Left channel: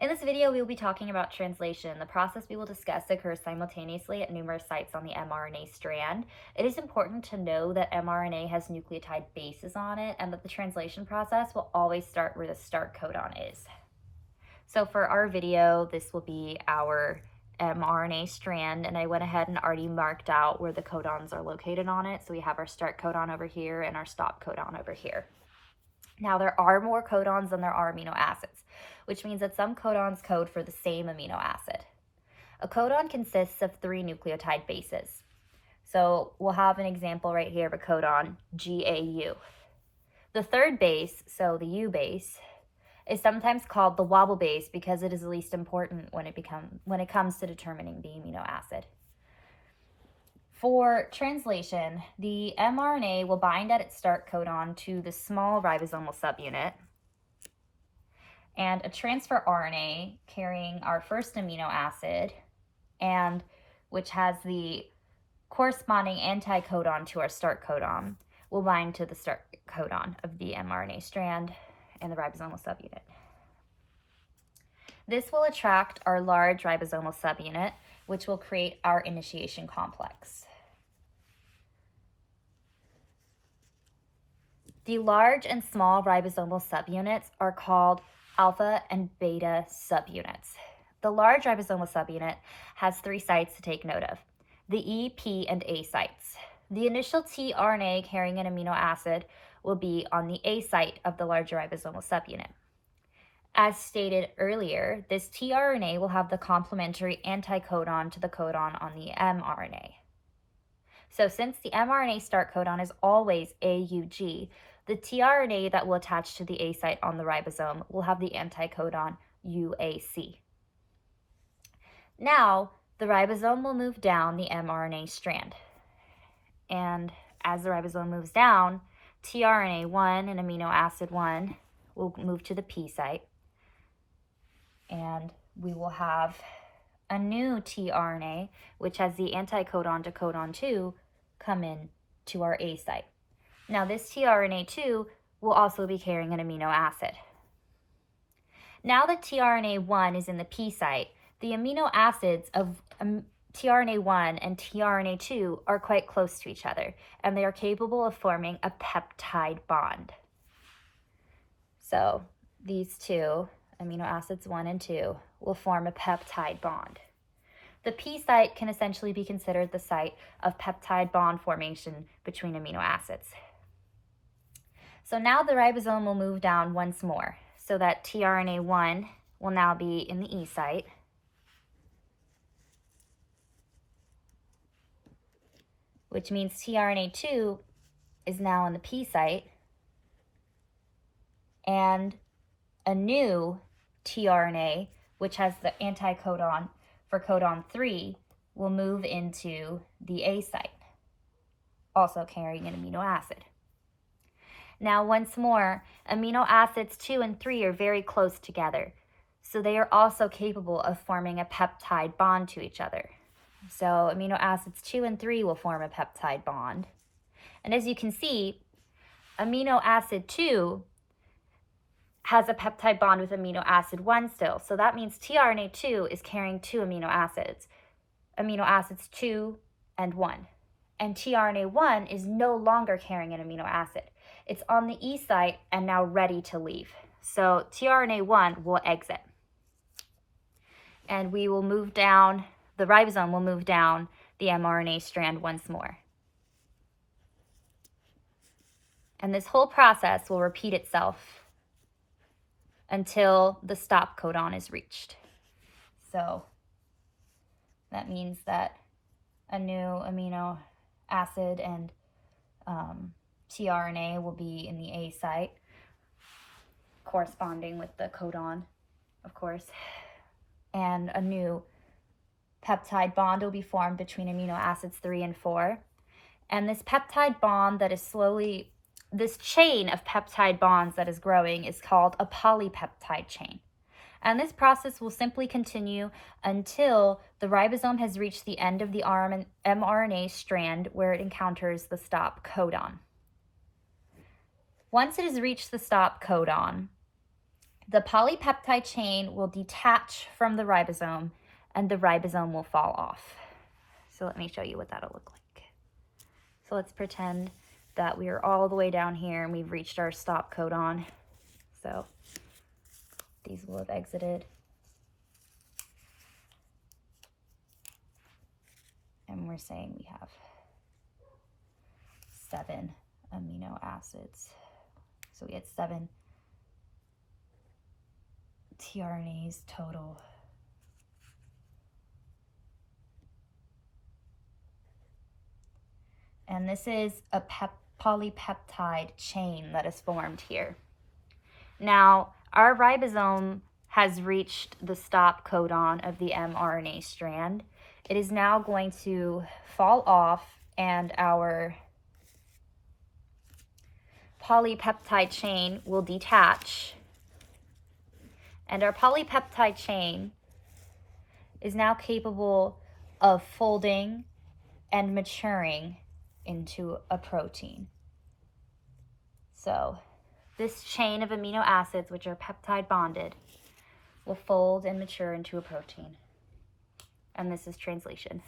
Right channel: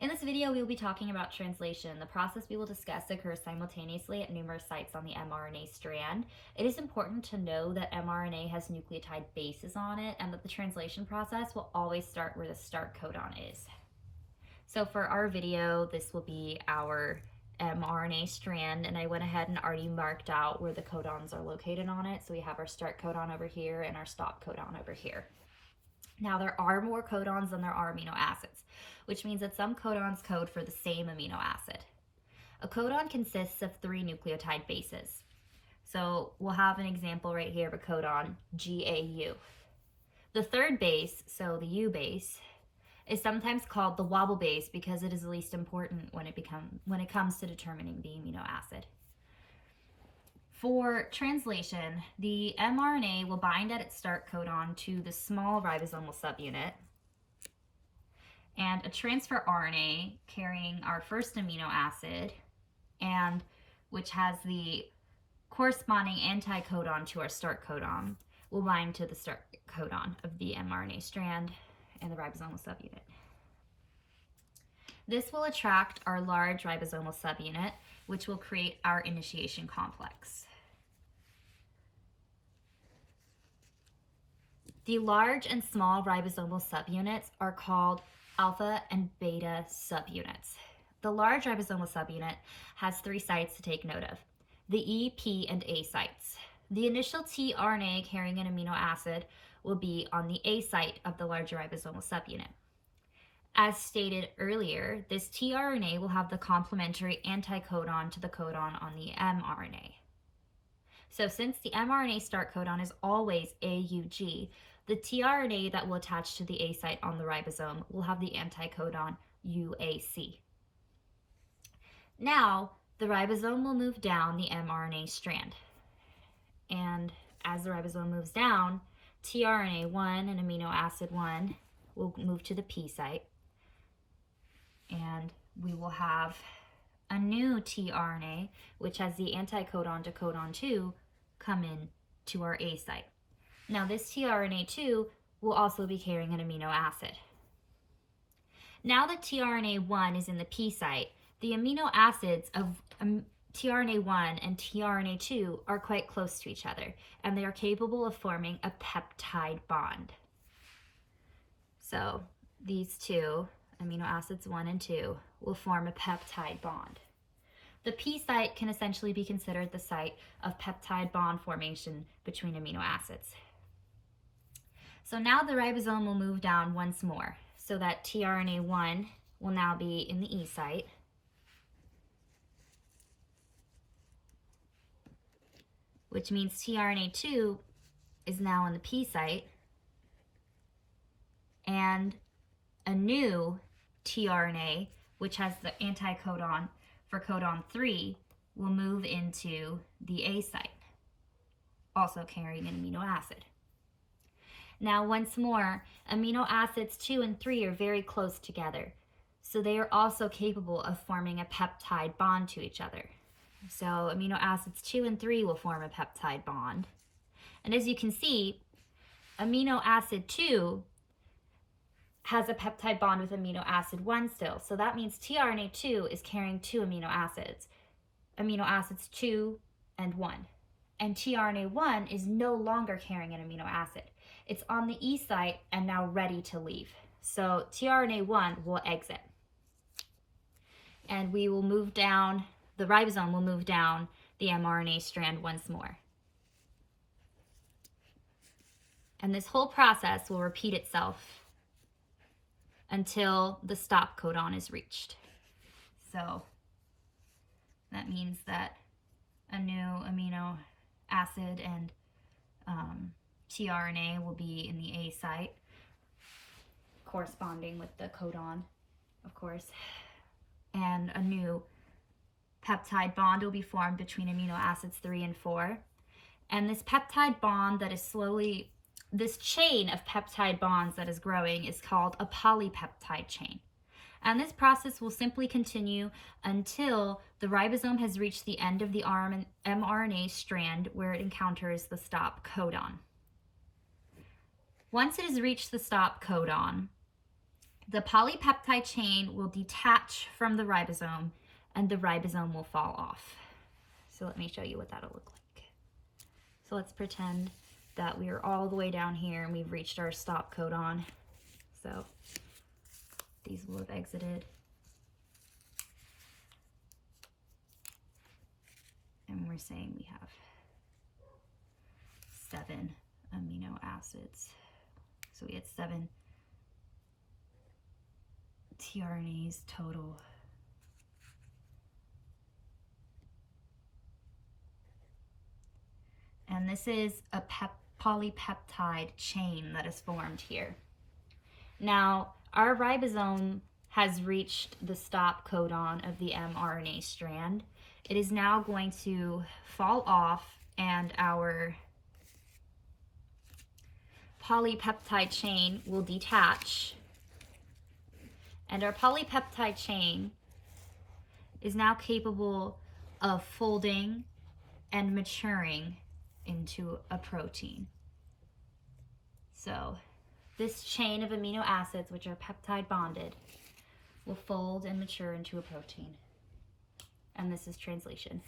In this video, we will be talking about translation. The process we will discuss occurs simultaneously at numerous sites on the mRNA strand. It is important to know that mRNA has nucleotide bases on it and that the translation process will always start where the start codon is. So for our video, this will be our mRNA strand, and I went ahead and already marked out where the codons are located on it. So we have our start codon over here and our stop codon over here. Now there are more codons than there are amino acids, which means that some codons code for the same amino acid. A codon consists of 3 nucleotide bases. So we'll have an example right here of a codon, GAU. The third base, so the U base, is sometimes called the wobble base because it is the least important when it comes to determining the amino acid. For translation, the mRNA will bind at its start codon to the small ribosomal subunit, and a transfer RNA carrying our first amino acid and which has the corresponding anticodon to our start codon will bind to the start codon of the mRNA strand and the ribosomal subunit. This will attract our large ribosomal subunit, which will create our initiation complex. The large and small ribosomal subunits are called alpha and beta subunits. The large ribosomal subunit has 3 sites to take note of: the E, P, and A sites. The initial tRNA carrying an amino acid will be on the A site of the larger ribosomal subunit. As stated earlier, this tRNA will have the complementary anticodon to the codon on the mRNA. So since the mRNA start codon is always AUG, the tRNA that will attach to the A site on the ribosome will have the anticodon UAC. Now, the ribosome will move down the mRNA strand. And as the ribosome moves down, tRNA1 and amino acid 1 will move to the P site. And we will have a new tRNA, which has the anticodon to codon 2, come in to our A site. Now this tRNA2 will also be carrying an amino acid. Now that tRNA1 is in the P site, the amino acids of tRNA1 and tRNA2 are quite close to each other, and they are capable of forming a peptide bond. So these two, amino acids 1 and 2, will form a peptide bond. The P site can essentially be considered the site of peptide bond formation between amino acids. So now the ribosome will move down once more, so that tRNA1 will now be in the E site, which means tRNA2 is now in the P site, and a new tRNA, which has the anticodon for codon 3, will move into the A site, also carrying an amino acid. Now, once more, amino acids 2 and 3 are very close together, so they are also capable of forming a peptide bond to each other. So amino acids 2 and 3 will form a peptide bond. And as you can see, amino acid 2 has a peptide bond with amino acid 1 still. So that means tRNA2 is carrying 2 amino acids 2 and 1. And tRNA1 is no longer carrying an amino acid. It's on the E site and now ready to leave. So tRNA1 will exit. And we will move down, the ribosome will move down the mRNA strand once more. And this whole process will repeat itself until the stop codon is reached. So that means that a new amino acid and tRNA will be in the A site, corresponding with the codon, of course, and a new peptide bond will be formed between amino acids 3 and 4. And this peptide bond that is this chain of peptide bonds that is growing is called a polypeptide chain. And this process will simply continue until the ribosome has reached the end of the mRNA strand where it encounters the stop codon. Once it has reached the stop codon, the polypeptide chain will detach from the ribosome and the ribosome will fall off. So let me show you what that'll look like. So let's pretend that we are all the way down here and we've reached our stop codon. So these will have exited. And we're saying we have 7 amino acids. So we had 7 tRNAs total. And this is a polypeptide chain that is formed here. Now, our ribosome has reached the stop codon of the mRNA strand. It is now going to fall off and our polypeptide chain will detach. And our polypeptide chain is now capable of folding and maturing into a protein. So this chain of amino acids, which are peptide bonded, will fold and mature into a protein. And this is translation.